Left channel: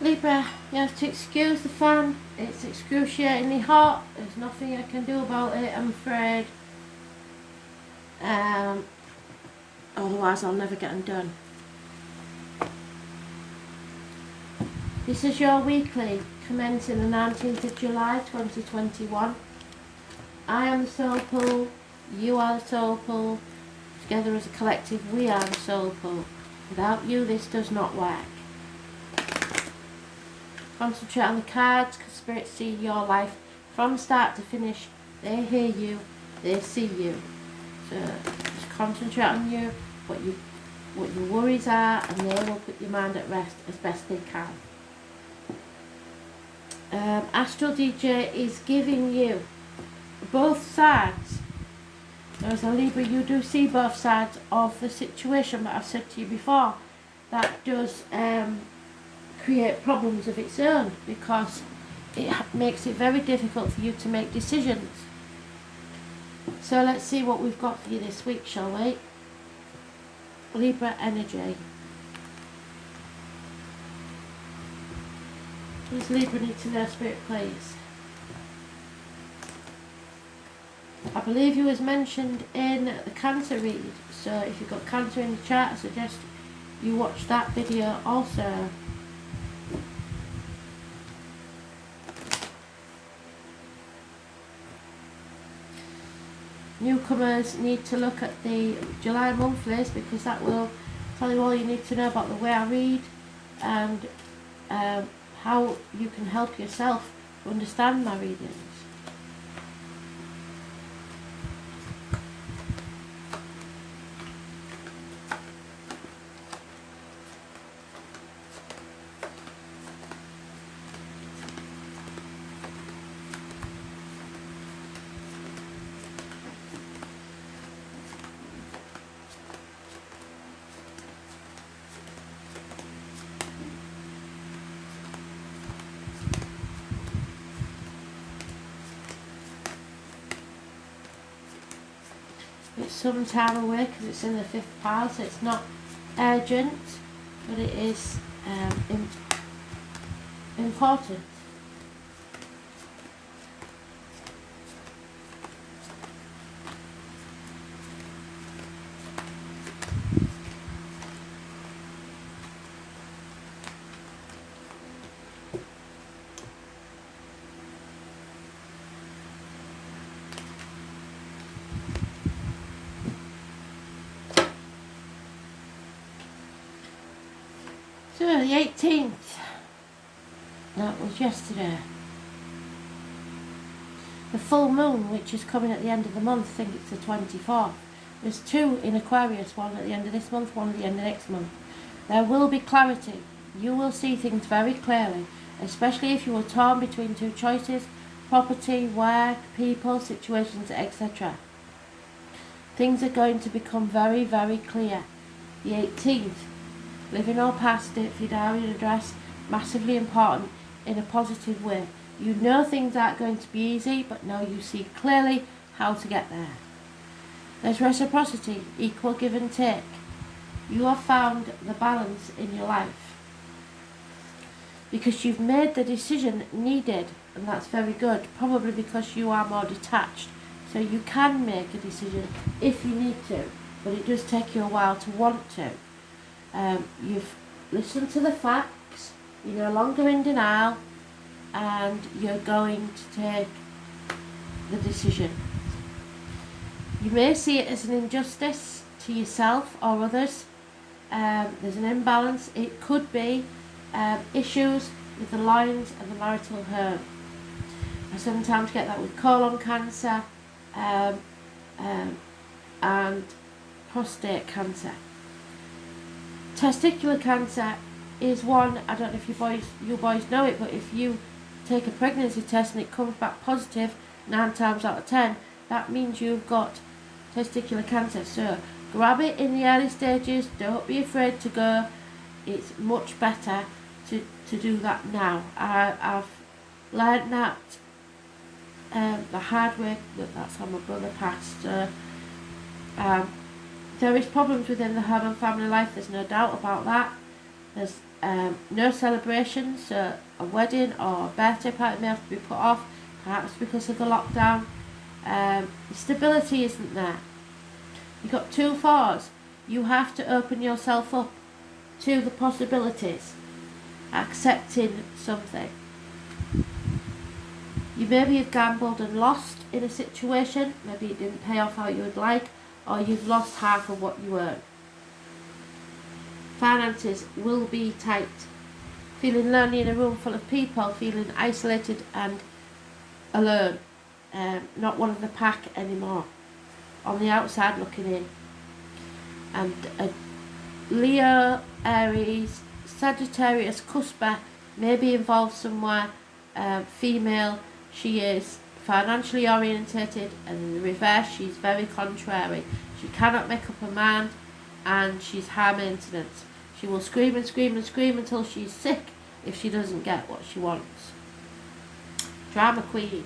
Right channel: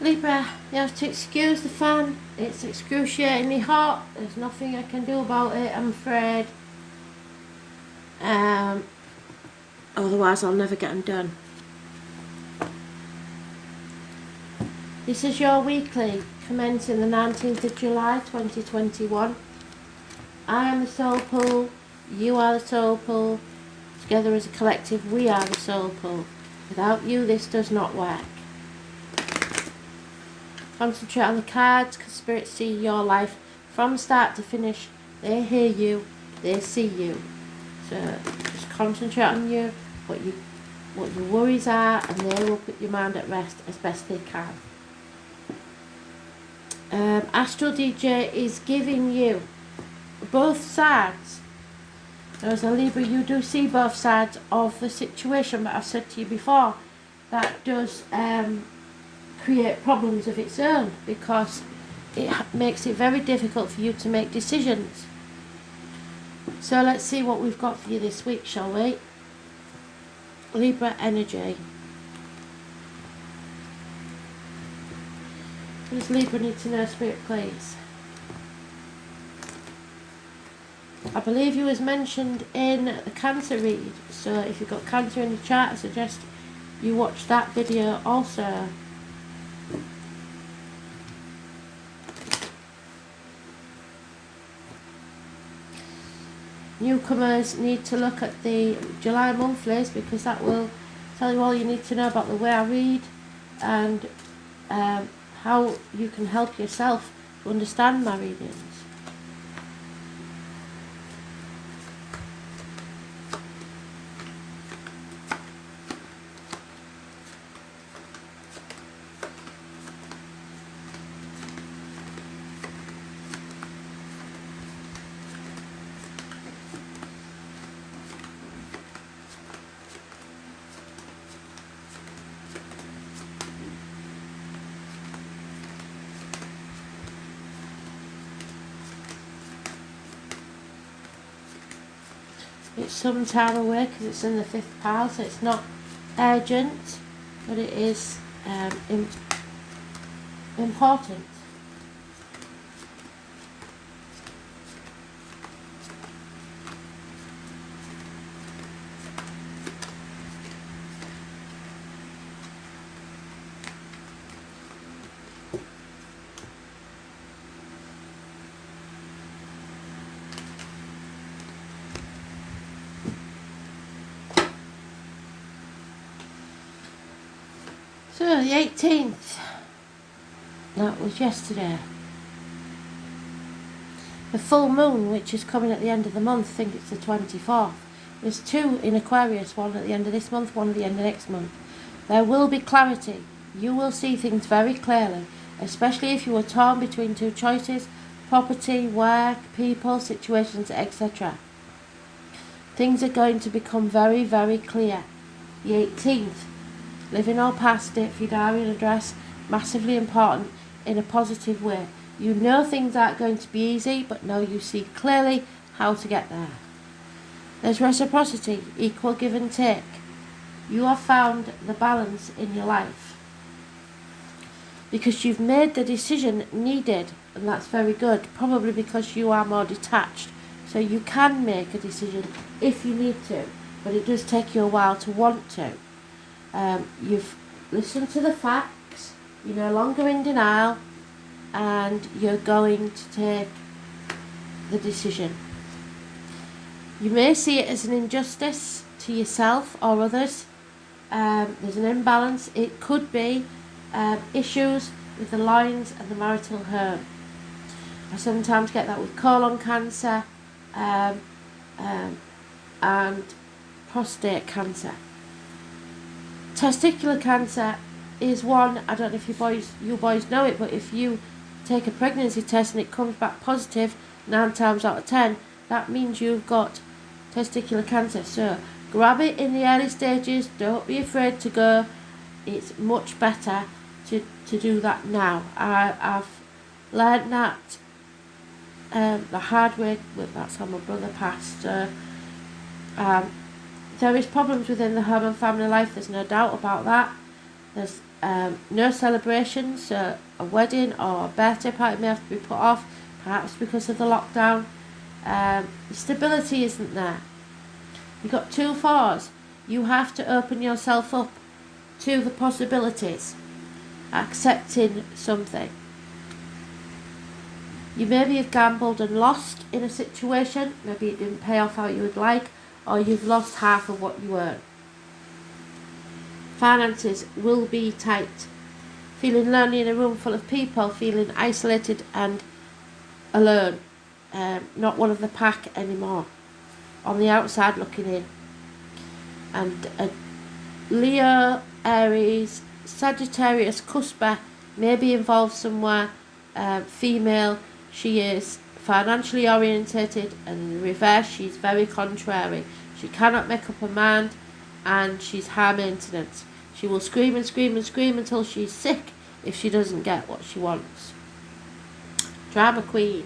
Libra, you have to excuse the fan. It's excruciatingly hot. There's nothing I can do about it, I'm afraid. Otherwise I'll never get them done. This is your weekly, commencing the 19th of July 2021. I am the soul pool, you are the soul pool. Together as a collective, we are the soul pool. Without you, this does not work. Concentrate on the cards, because spirits see your life from start to finish. They hear you, they see you. So just concentrate on you, what your worries are, and they will put your mind at rest as best they can. Astral DJ is giving you both sides. Now, as a Libra, you do see both sides of the situation, but I've said to you before, that does create problems of its own, because it makes it very difficult for you to make decisions. So let's see what we've got for you this week, shall we? Libra energy. Does Libra need to know, Spirit, please? I believe you was mentioned in the Cancer read, so if you've got Cancer in the chart, I suggest you watch that video also. Newcomers need to look at the July monthlies, because that will tell you all you need to know about the way I read and how you can help yourself to understand my readings. It's some time away because it's in the 5th pile, so it's not urgent, but it is important. So the 18th, that was yesterday. The full moon, which is coming at the end of the month, I think it's the 24th. There's 2 in Aquarius, one at the end of this month, one at the end of next month. There will be clarity. You will see things very clearly, especially if you are torn between 2 choices: property, work, people, situations, etc. Things are going to become very, very clear. The 18th. Living or past it for your diary and address, massively important in a positive way. You know things aren't going to be easy, but now you see clearly how to get there. There's reciprocity, equal give and take. You have found the balance in your life, because you've made the decision needed, and that's very good, probably because you are more detached. So you can make a decision if you need to, but it does take you a while to want to. You've listened to the facts, you're no longer in denial, and you're going to take the decision. You may see it as an injustice to yourself or others. There's an imbalance. It could be issues with the lines of the marital home. I sometimes get that with colon cancer and prostate cancer. Testicular cancer is one, I don't know if you boys know it, but if you take a pregnancy test and it comes back positive 9 times out of 10, that means you've got testicular cancer. So grab it in the early stages, don't be afraid to go. It's much better to do that now. I've learned that the hard way, that's how my brother passed. There is problems within the home and family life, there's no doubt about that. There's No celebrations, so a wedding or a birthday party may have to be put off, perhaps because of the lockdown. Stability isn't there. You've got 2 fours. You have to open yourself up to the possibilities, accepting something. You maybe have gambled and lost in a situation, maybe it didn't pay off how you would like, or you've lost half of what you earn. Finances will be tight. Feeling lonely in a room full of people, feeling isolated and alone, not one of the pack anymore, on the outside looking in. And Leo, Aries, Sagittarius, Cuspa may be involved somewhere. Female, she is financially orientated, and in the reverse she's very contrary. She cannot make up her mind, and she's high maintenance. She will scream and scream and scream until she's sick if she doesn't get what she wants. Drama queen.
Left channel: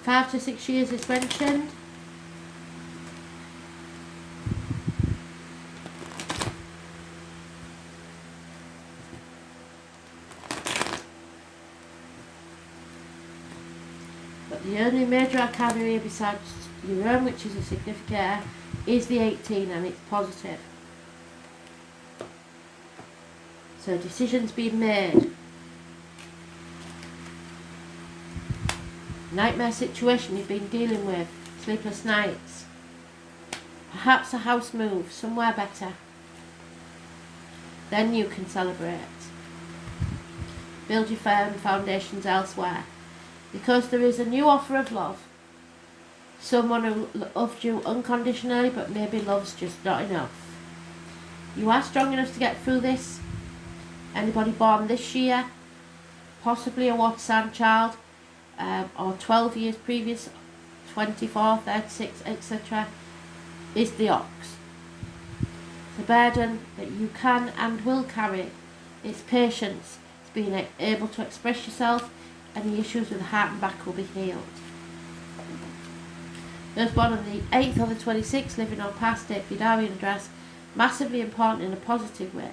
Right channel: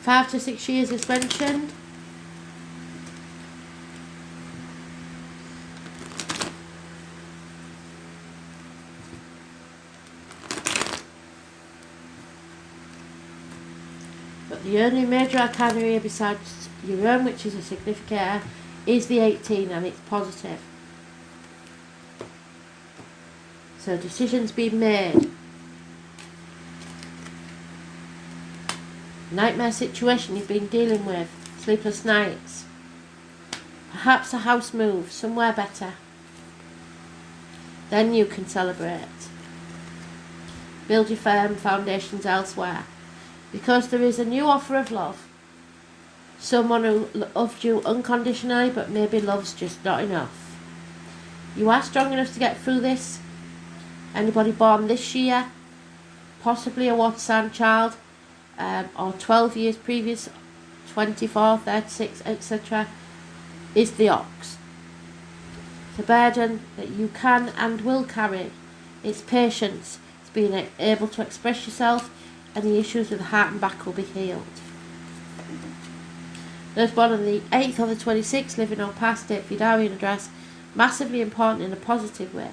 Five to 6 years is mentioned. But the only major arcana here besides your own, which is a significator, is the 18, and it's positive. So decisions being made. Nightmare situation you've been dealing with, sleepless nights. Perhaps a house move, somewhere better. Then you can celebrate. Build your firm foundations elsewhere. Because there is a new offer of love. Someone who loved you unconditionally, but maybe loves just not enough. You are strong enough to get through this. Anybody born this year, possibly a water sign child, or 12 years previous, 24, 36, etc., is the ox. It's a burden that you can and will carry. It's patience. It's being able to express yourself. Any issues with the heart and back will be healed. Those born on the 8th or the 26th, living or past date for your diary and address, massively important in a positive way.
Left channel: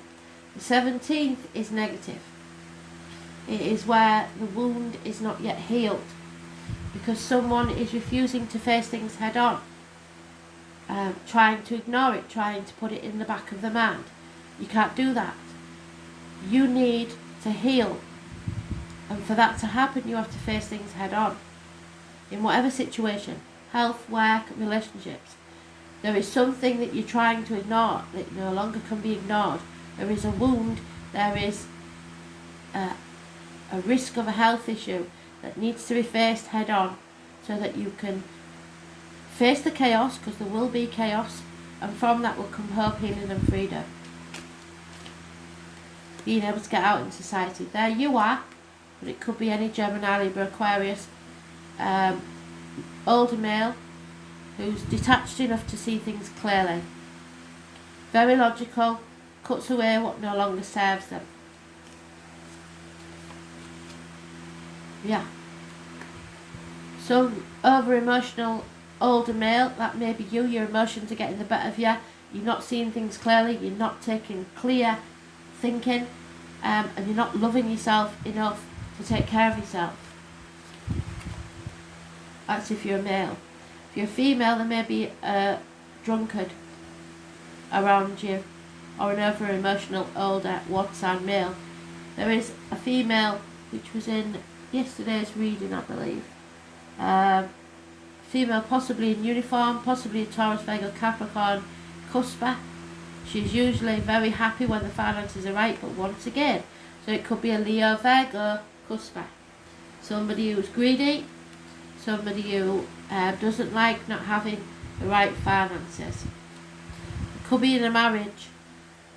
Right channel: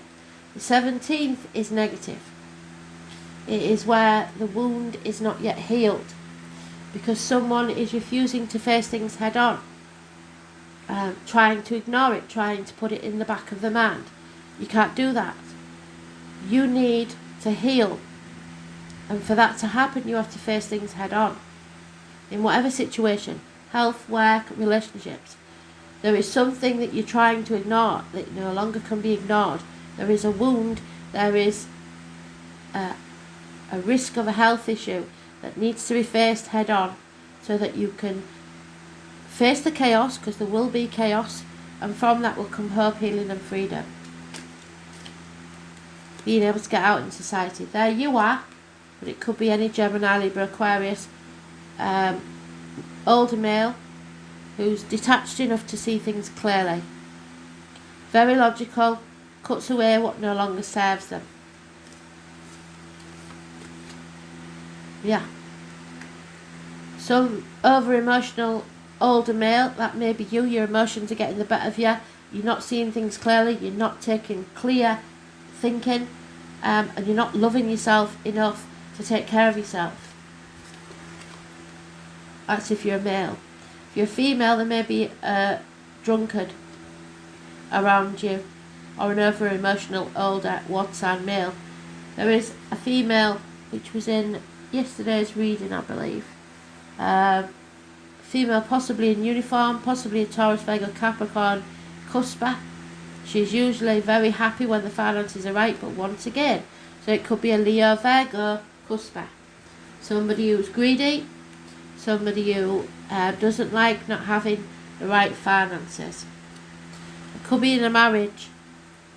The 17th is negative. It is where the wound is not yet healed, because someone is refusing to face things head on, trying to ignore it, trying to put it in the back of the mind. You can't do that. You need to heal. And for that to happen, you have to face things head on. In whatever situation, health, work, relationships, there is something that you're trying to ignore that no longer can be ignored. There is a wound, there is a risk of a health issue that needs to be faced head on, so that you can face the chaos, because there will be chaos, and from that will come hope, healing and freedom. Being able to get out in society. There you are. But it could be any Gemini, Libra, Aquarius, older male who's detached enough to see things clearly. Very logical, cuts away what no longer serves them. Yeah. Some over-emotional older male, that may be you, your emotions are getting the better of you, you're not seeing things clearly, you're not taking clear thinking, and you're not loving yourself enough to take care of yourself. That's if you're a male. If you're a female, there may be a drunkard around you, or an over emotional older water sign male. There is a female which was in yesterday's reading, I believe. Female possibly in uniform, possibly a Taurus, Virgo, Capricorn, Cuspa. She's usually very happy when the finances are right, but once again, so it could be a Leo, Virgo, Cuspa. Somebody who's greedy, somebody who doesn't like not having the right finances. It could be in a marriage.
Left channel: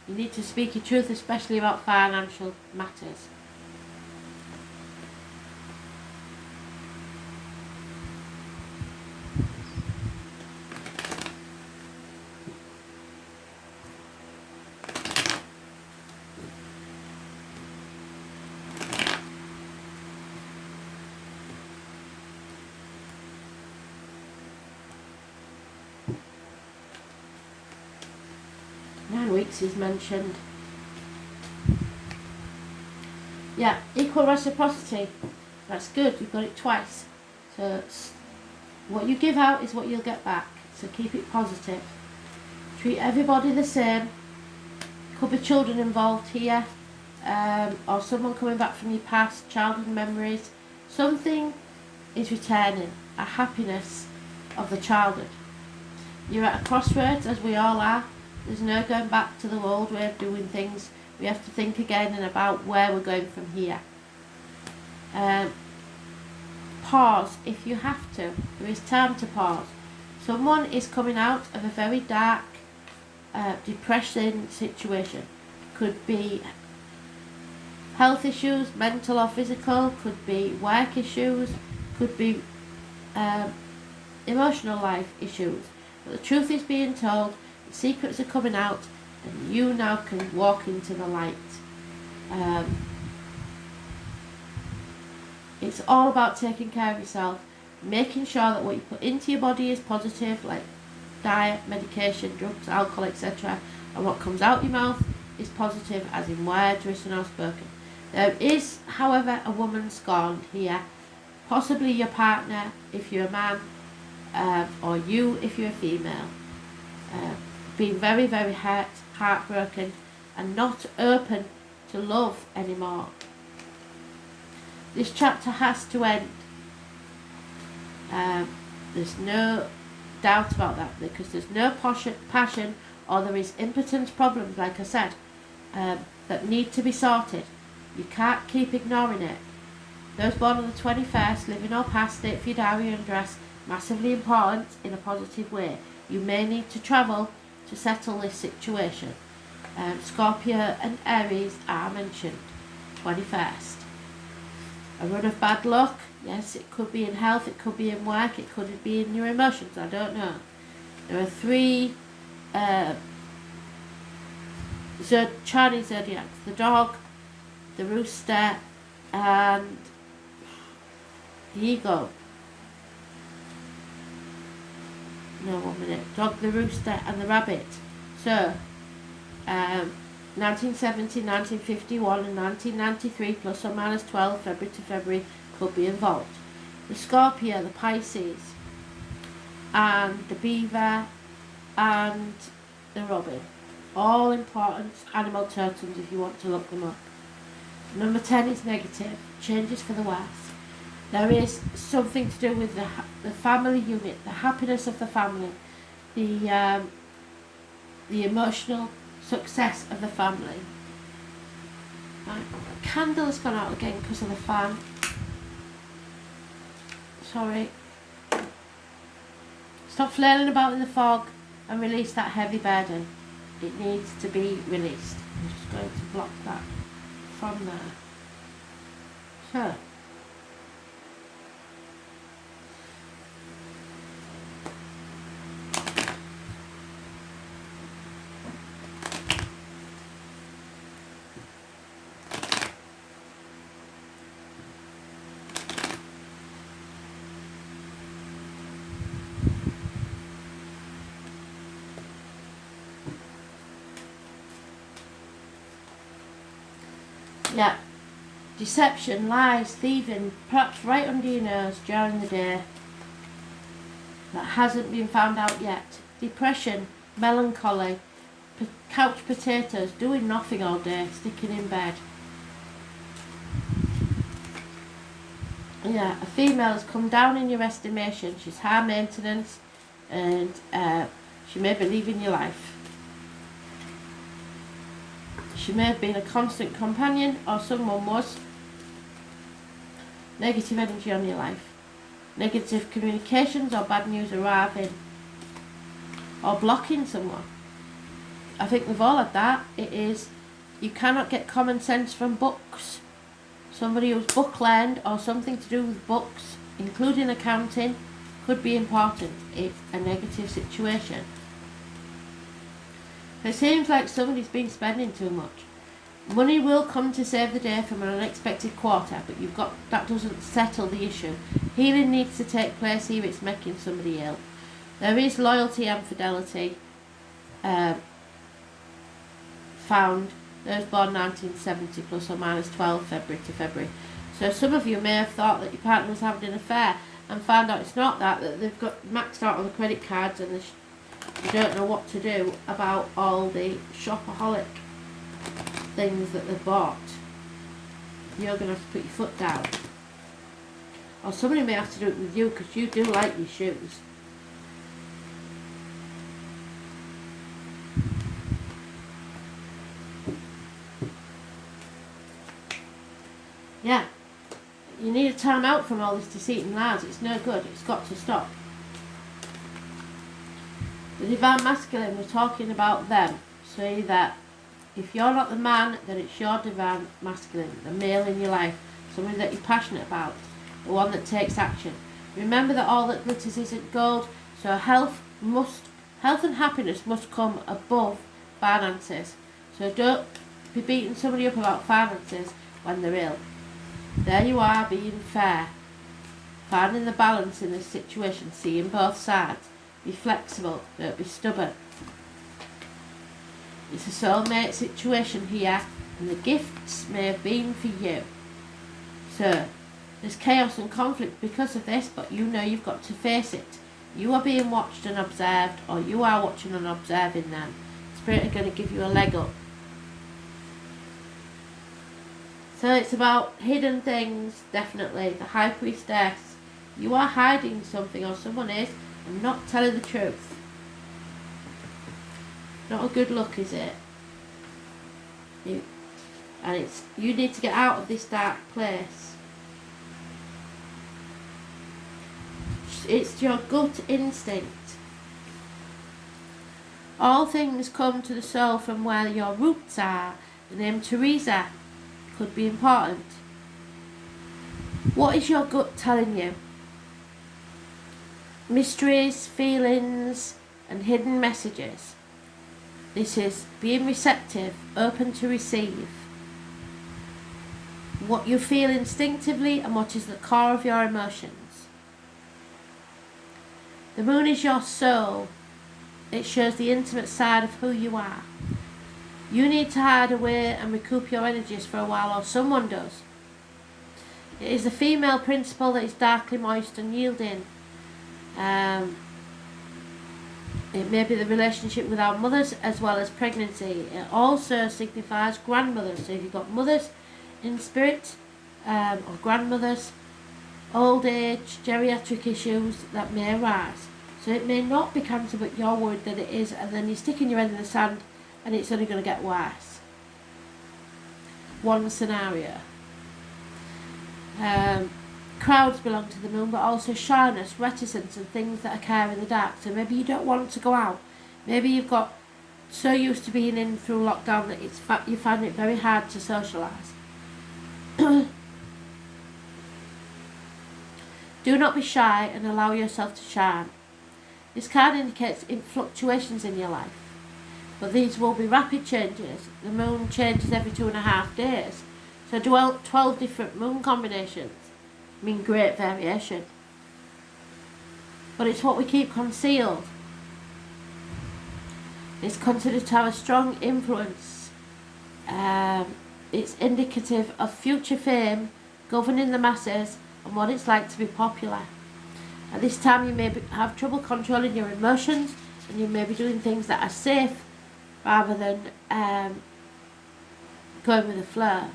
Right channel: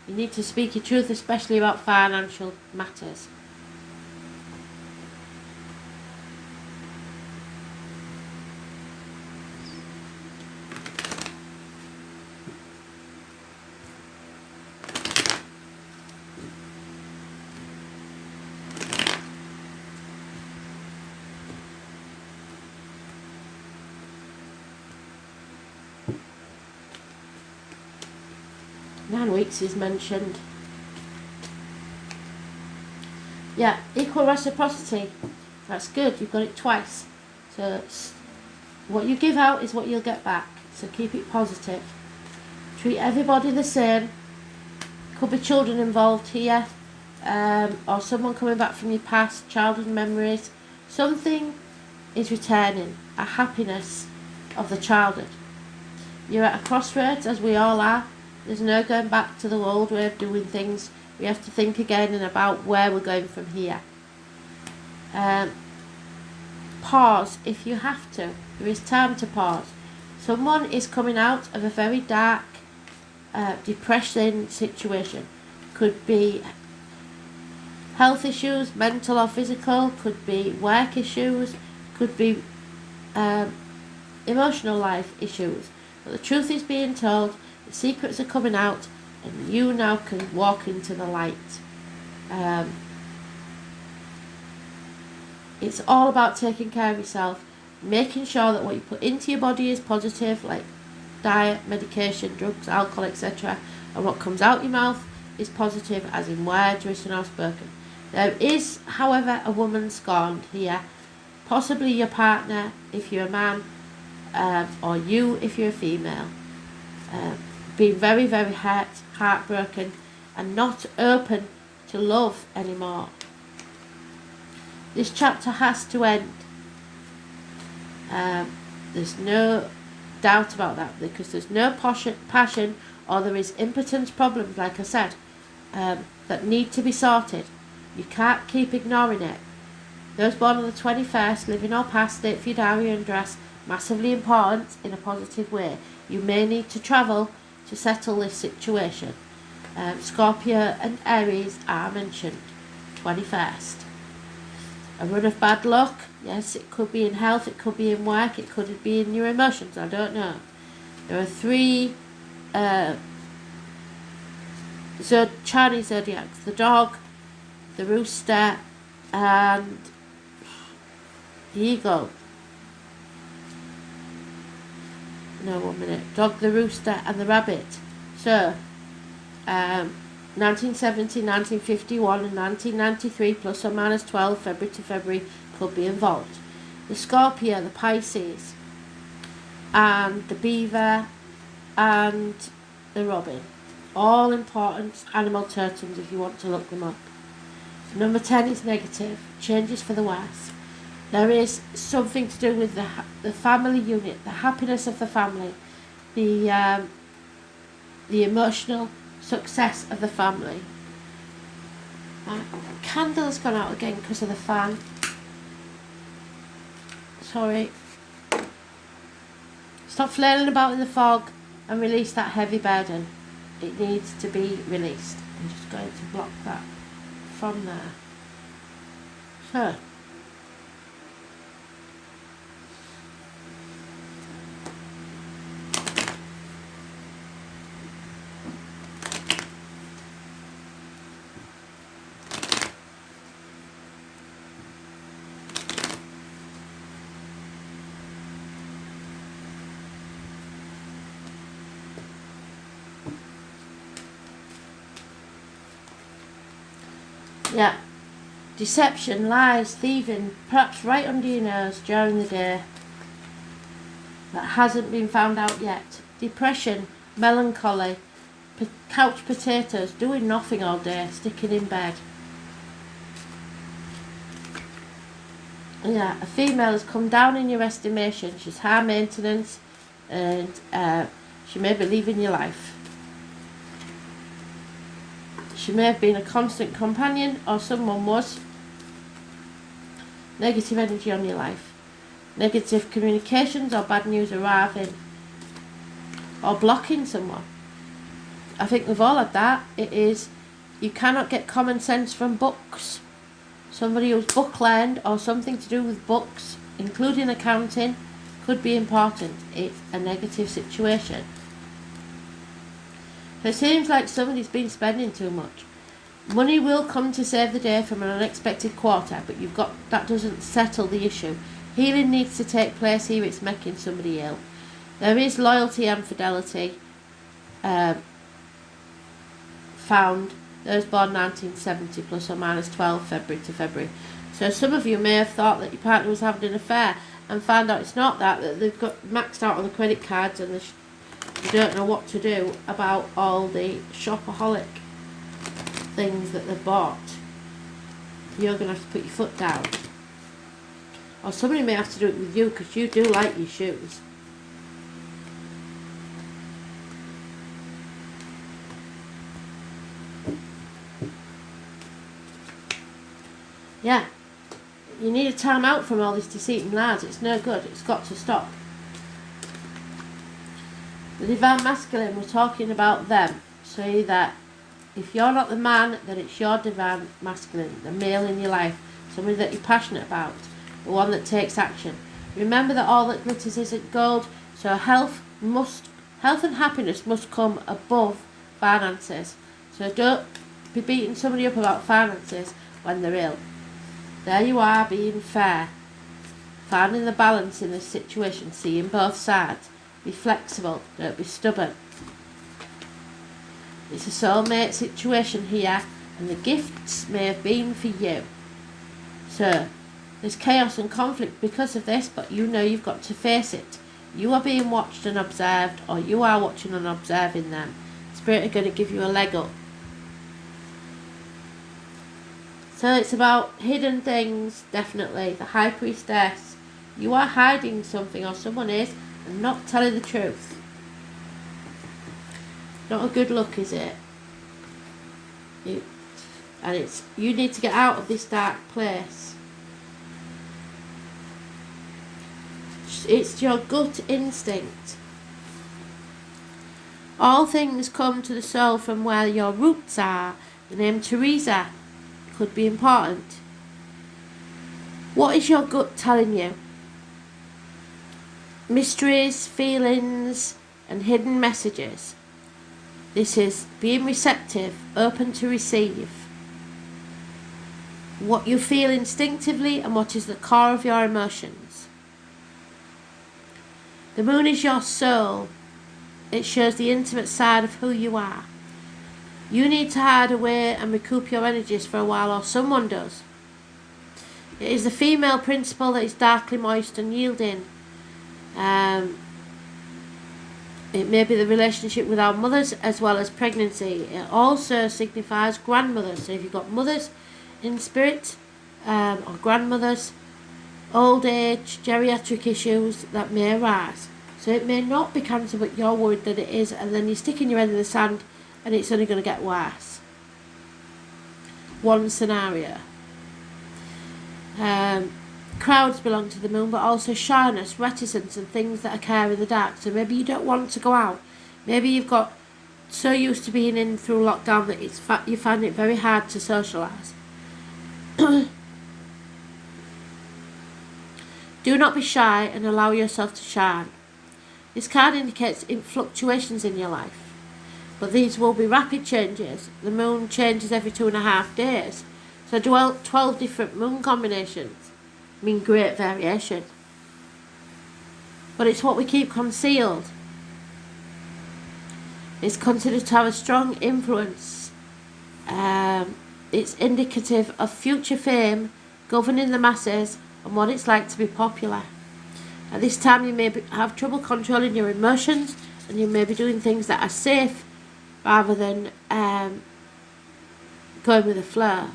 You need to speak your truth, especially about financial matters. 9 weeks is mentioned. Yeah, equal reciprocity. That's good, you've got it twice. So what you give out is what you'll get back. So keep it positive. Treat everybody the same. Could be children involved here, or someone coming back from your past, childhood memories. Something is returning, a happiness of the childhood. You're at a crossroads, as we all are. There's no going back to the old way of doing things. We have to think again and about where we're going from here. Pause if you have to. There is time to pause. Someone is coming out of a very dark, depressing situation. Could be health issues, mental or physical, could be work issues, could be emotional life issues. But the truth is being told, the secrets are coming out, and you now can walk into the light. It's all about taking care of yourself, making sure that what you put into your body is positive, like diet, medication, drugs, alcohol, etc. And what comes out your mouth is positive, as in words written or spoken. There is, however, a woman scorned here, possibly your partner if you're a man, or you if you're a female. Being very, very hurt, heartbroken, and not open to love anymore. This chapter has to end. There's no doubt about that, because there's no passion, or there is impotence problems, like I said, that need to be sorted. You can't keep ignoring it. Those born on the 21st, living or past, date for your diary and address, massively important in a positive way. You may need to travel to settle this situation. Scorpio and Aries are mentioned. 21st. A run of bad luck. Yes, it could be in health, it could be in work, it could be in your emotions, I don't know. There are 3 Chinese zodiacs: the dog, the rooster, and the eagle. No, 1 minute. Dog, the rooster, and the rabbit. So, 1970, 1951, and 1993, plus or minus 12, February to February, could be involved. The Scorpio, the Pisces, and the beaver, and the robin. All important animal totems if you want to look them up. Number 10 is negative, changes for the worse. There is something to do with the family unit, the happiness of the family, the emotional success of the family. Candle has gone out again because of the fan. Sorry. Stop flailing about in the fog and release that heavy burden. It needs to be released. I'm just going to block that from there. So. Yeah, deception, lies, thieving, perhaps right under your nose during the day that hasn't been found out yet. Depression, melancholy, couch potatoes, doing nothing all day, sticking in bed. Yeah, a female has come down in your estimation. She's high maintenance, and she may be leaving your life. She may have been a constant companion, or someone was. Negative energy on your life. Negative communications or bad news arriving. Or blocking someone. I think we've all had that. It is, you cannot get common sense from books. Somebody who's book learned or something to do with books, including accounting, could be important. It's a negative situation. It seems like somebody's been spending too much. Money will come to save the day from an unexpected quarter, but that doesn't settle the issue. Healing needs to take place here. It's making somebody ill. There is loyalty and fidelity. found those born 1970 plus or minus 12 February to February. So some of you may have thought that your partner was having an affair and found out it's not that they've got maxed out on the credit cards and they don't know what to do about all the shopaholic things that they've bought. You're going to have to put your foot down. Or somebody may have to do it with you because you do like your shoes. Yeah. You need a time out from all this deceit and lies. It's no good. It's got to stop. The divine masculine, we're talking about them. Say that if you're not the man, then it's your divine masculine, the male in your life, somebody that you're passionate about, the one that takes action. Remember that all that glitters isn't gold, so health and happiness must come above finances. So don't be beating somebody up about finances when they're ill. There you are, being fair, finding the balance in this situation, seeing both sides. Be flexible, don't be stubborn. It's a soulmate situation here, and the gifts may have been for you. So, there's chaos and conflict because of this, but you know you've got to face it. You are being watched and observed, or you are watching and observing them. Spirit are going to give you a leg up. So it's about hidden things, definitely. The High Priestess. You are hiding something, or someone is, and not telling the truth. Not a good look, is it? You need to get out of this dark place. It's your gut instinct. All things come to the soul from where your roots are. The name Teresa could be important. What is your gut telling you? Mysteries, feelings, and hidden messages. This is being receptive, open to receive. What you feel instinctively and what is the core of your emotions. The moon is your soul. It shows the intimate side of who you are. You need to hide away and recoup your energies for a while, or someone does. It is the female principle that is darkly moist and yielding. It may be the relationship with our mothers as well as pregnancy. It also signifies grandmothers. So if you've got mothers in spirit, or grandmothers, old age, geriatric issues that may arise. So it may not be cancer, but you're worried that it is, and then you're sticking your head in the sand and it's only going to get worse. One scenario. Crowds belong to the moon, but also shyness, reticence, and things that occur in the dark. So maybe you don't want to go out. Maybe you've got so used to being in through lockdown that you find it very hard to socialise. Do not be shy and allow yourself to shine. This card indicates fluctuations in your life, but these will be rapid changes. The moon changes every 2.5 days. So 12 different moon combinations mean great variation. But it's what we keep concealed. It's considered to have a strong influence. It's indicative of future fame, governing the masses, and what it's like to be popular. At this time you may have trouble controlling your emotions, and you may be doing things that are safe rather than going with the flow.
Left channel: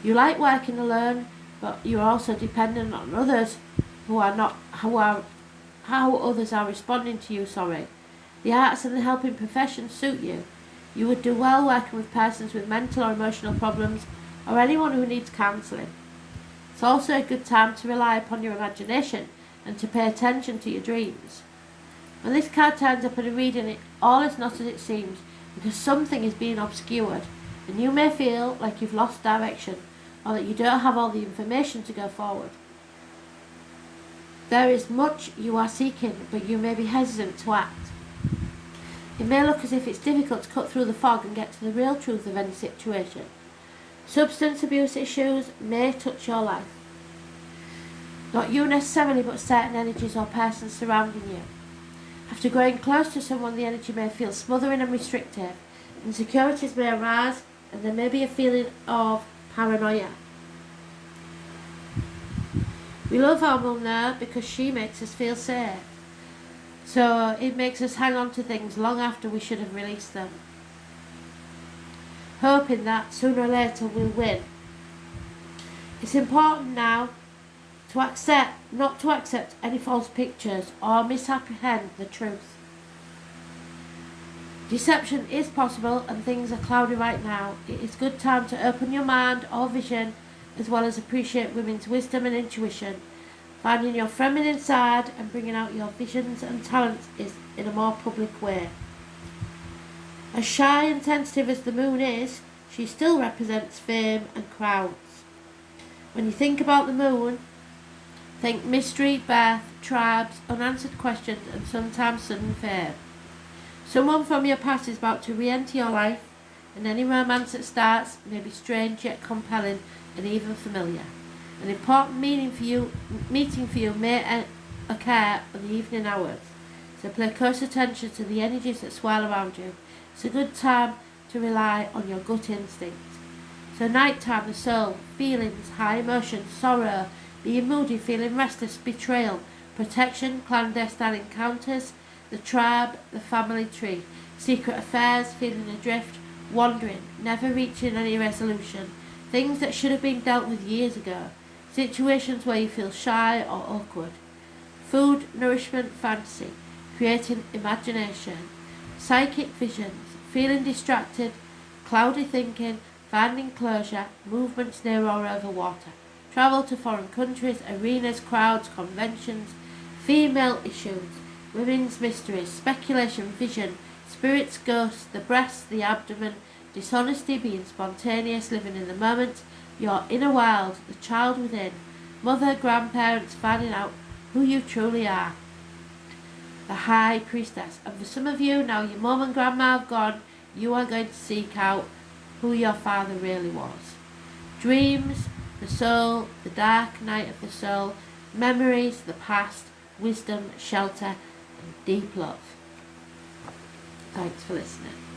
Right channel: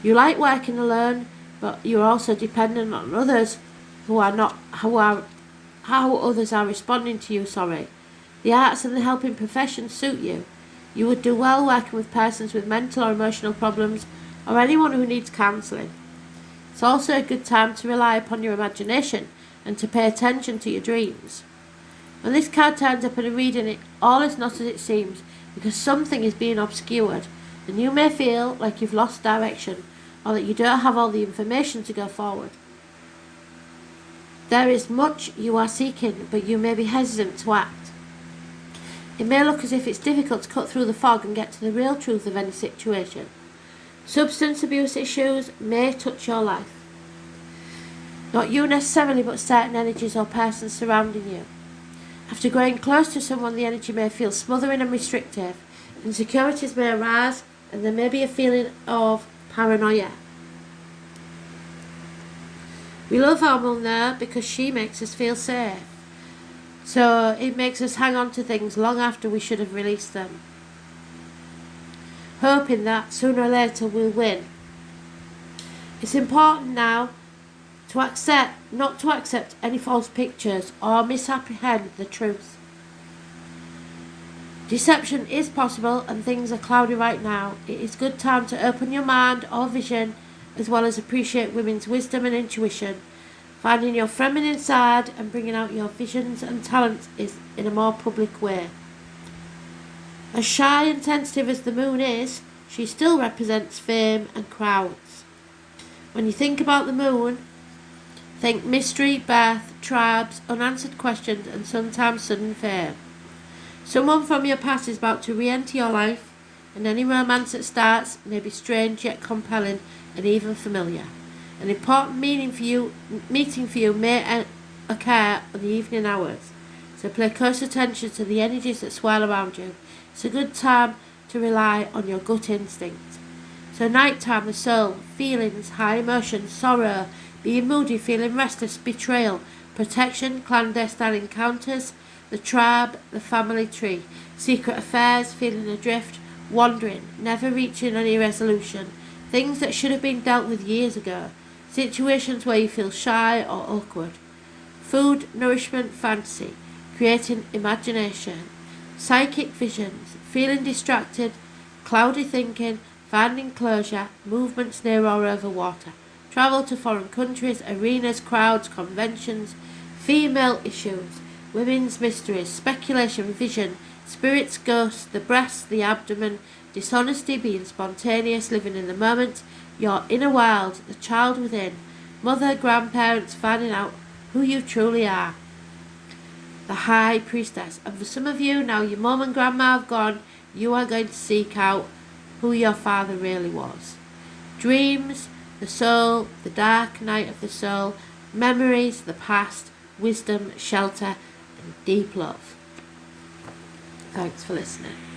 You like working alone, but you're also dependent on others how others are responding to you, The arts and the helping profession suit you. You would do well working with persons with mental or emotional problems, or anyone who needs counselling. It's also a good time to rely upon your imagination and to pay attention to your dreams. When this card turns up in a reading, all is not as it seems, because something is being obscured, and you may feel like you've lost direction, or that you don't have all the information to go forward. There is much you are seeking, but you may be hesitant to act. It may look as if it's difficult to cut through the fog and get to the real truth of any situation. Substance abuse issues may touch your life. Not you necessarily, but certain energies or persons surrounding you. After growing close to someone, the energy may feel smothering and restrictive. Insecurities may arise, and there may be a feeling of paranoia. We love our mum there because she makes us feel safe. So it makes us hang on to things long after we should have released them, hoping that sooner or later we'll win. It's important now not to accept any false pictures or misapprehend the truth. Deception is possible and things are cloudy right now. It is good time to open your mind or vision, as well as appreciate women's wisdom and intuition. Finding your feminine side and bringing out your visions and talents is in a more public way. As shy and tentative as the moon is, she still represents fame and crowds. When you think about the moon, think mystery, birth, tribes, unanswered questions, and sometimes sudden fame. Someone from your past is about to re-enter your life, and any romance that starts may be strange yet compelling and even familiar. An important meeting for you may occur in the evening hours, so pay close attention to the energies that swirl around you. It's a good time to rely on your gut instinct. So nighttime, the soul, feelings, high emotions, sorrow, being moody, feeling restless, betrayal, protection, clandestine encounters, the tribe, the family tree, secret affairs, feeling adrift, wandering, never reaching any resolution, things that should have been dealt with years ago, situations where you feel shy or awkward, food, nourishment, fantasy, creating imagination, psychic visions, feeling distracted, cloudy thinking, finding closure, movements near or over water, travel to foreign countries, arenas, crowds, conventions, female issues, women's mysteries, speculation, vision, spirits, ghosts, the breast, the abdomen, dishonesty, being spontaneous, living in the moment, your inner world, the child within, mother, grandparents, finding out who you truly are. The High Priestess. And for some of you, now your mum and grandma have gone, you are going to seek out who your father really was. Dreams, the soul, the dark night of the soul, memories, the past, wisdom, shelter, and deep love. Thanks for listening.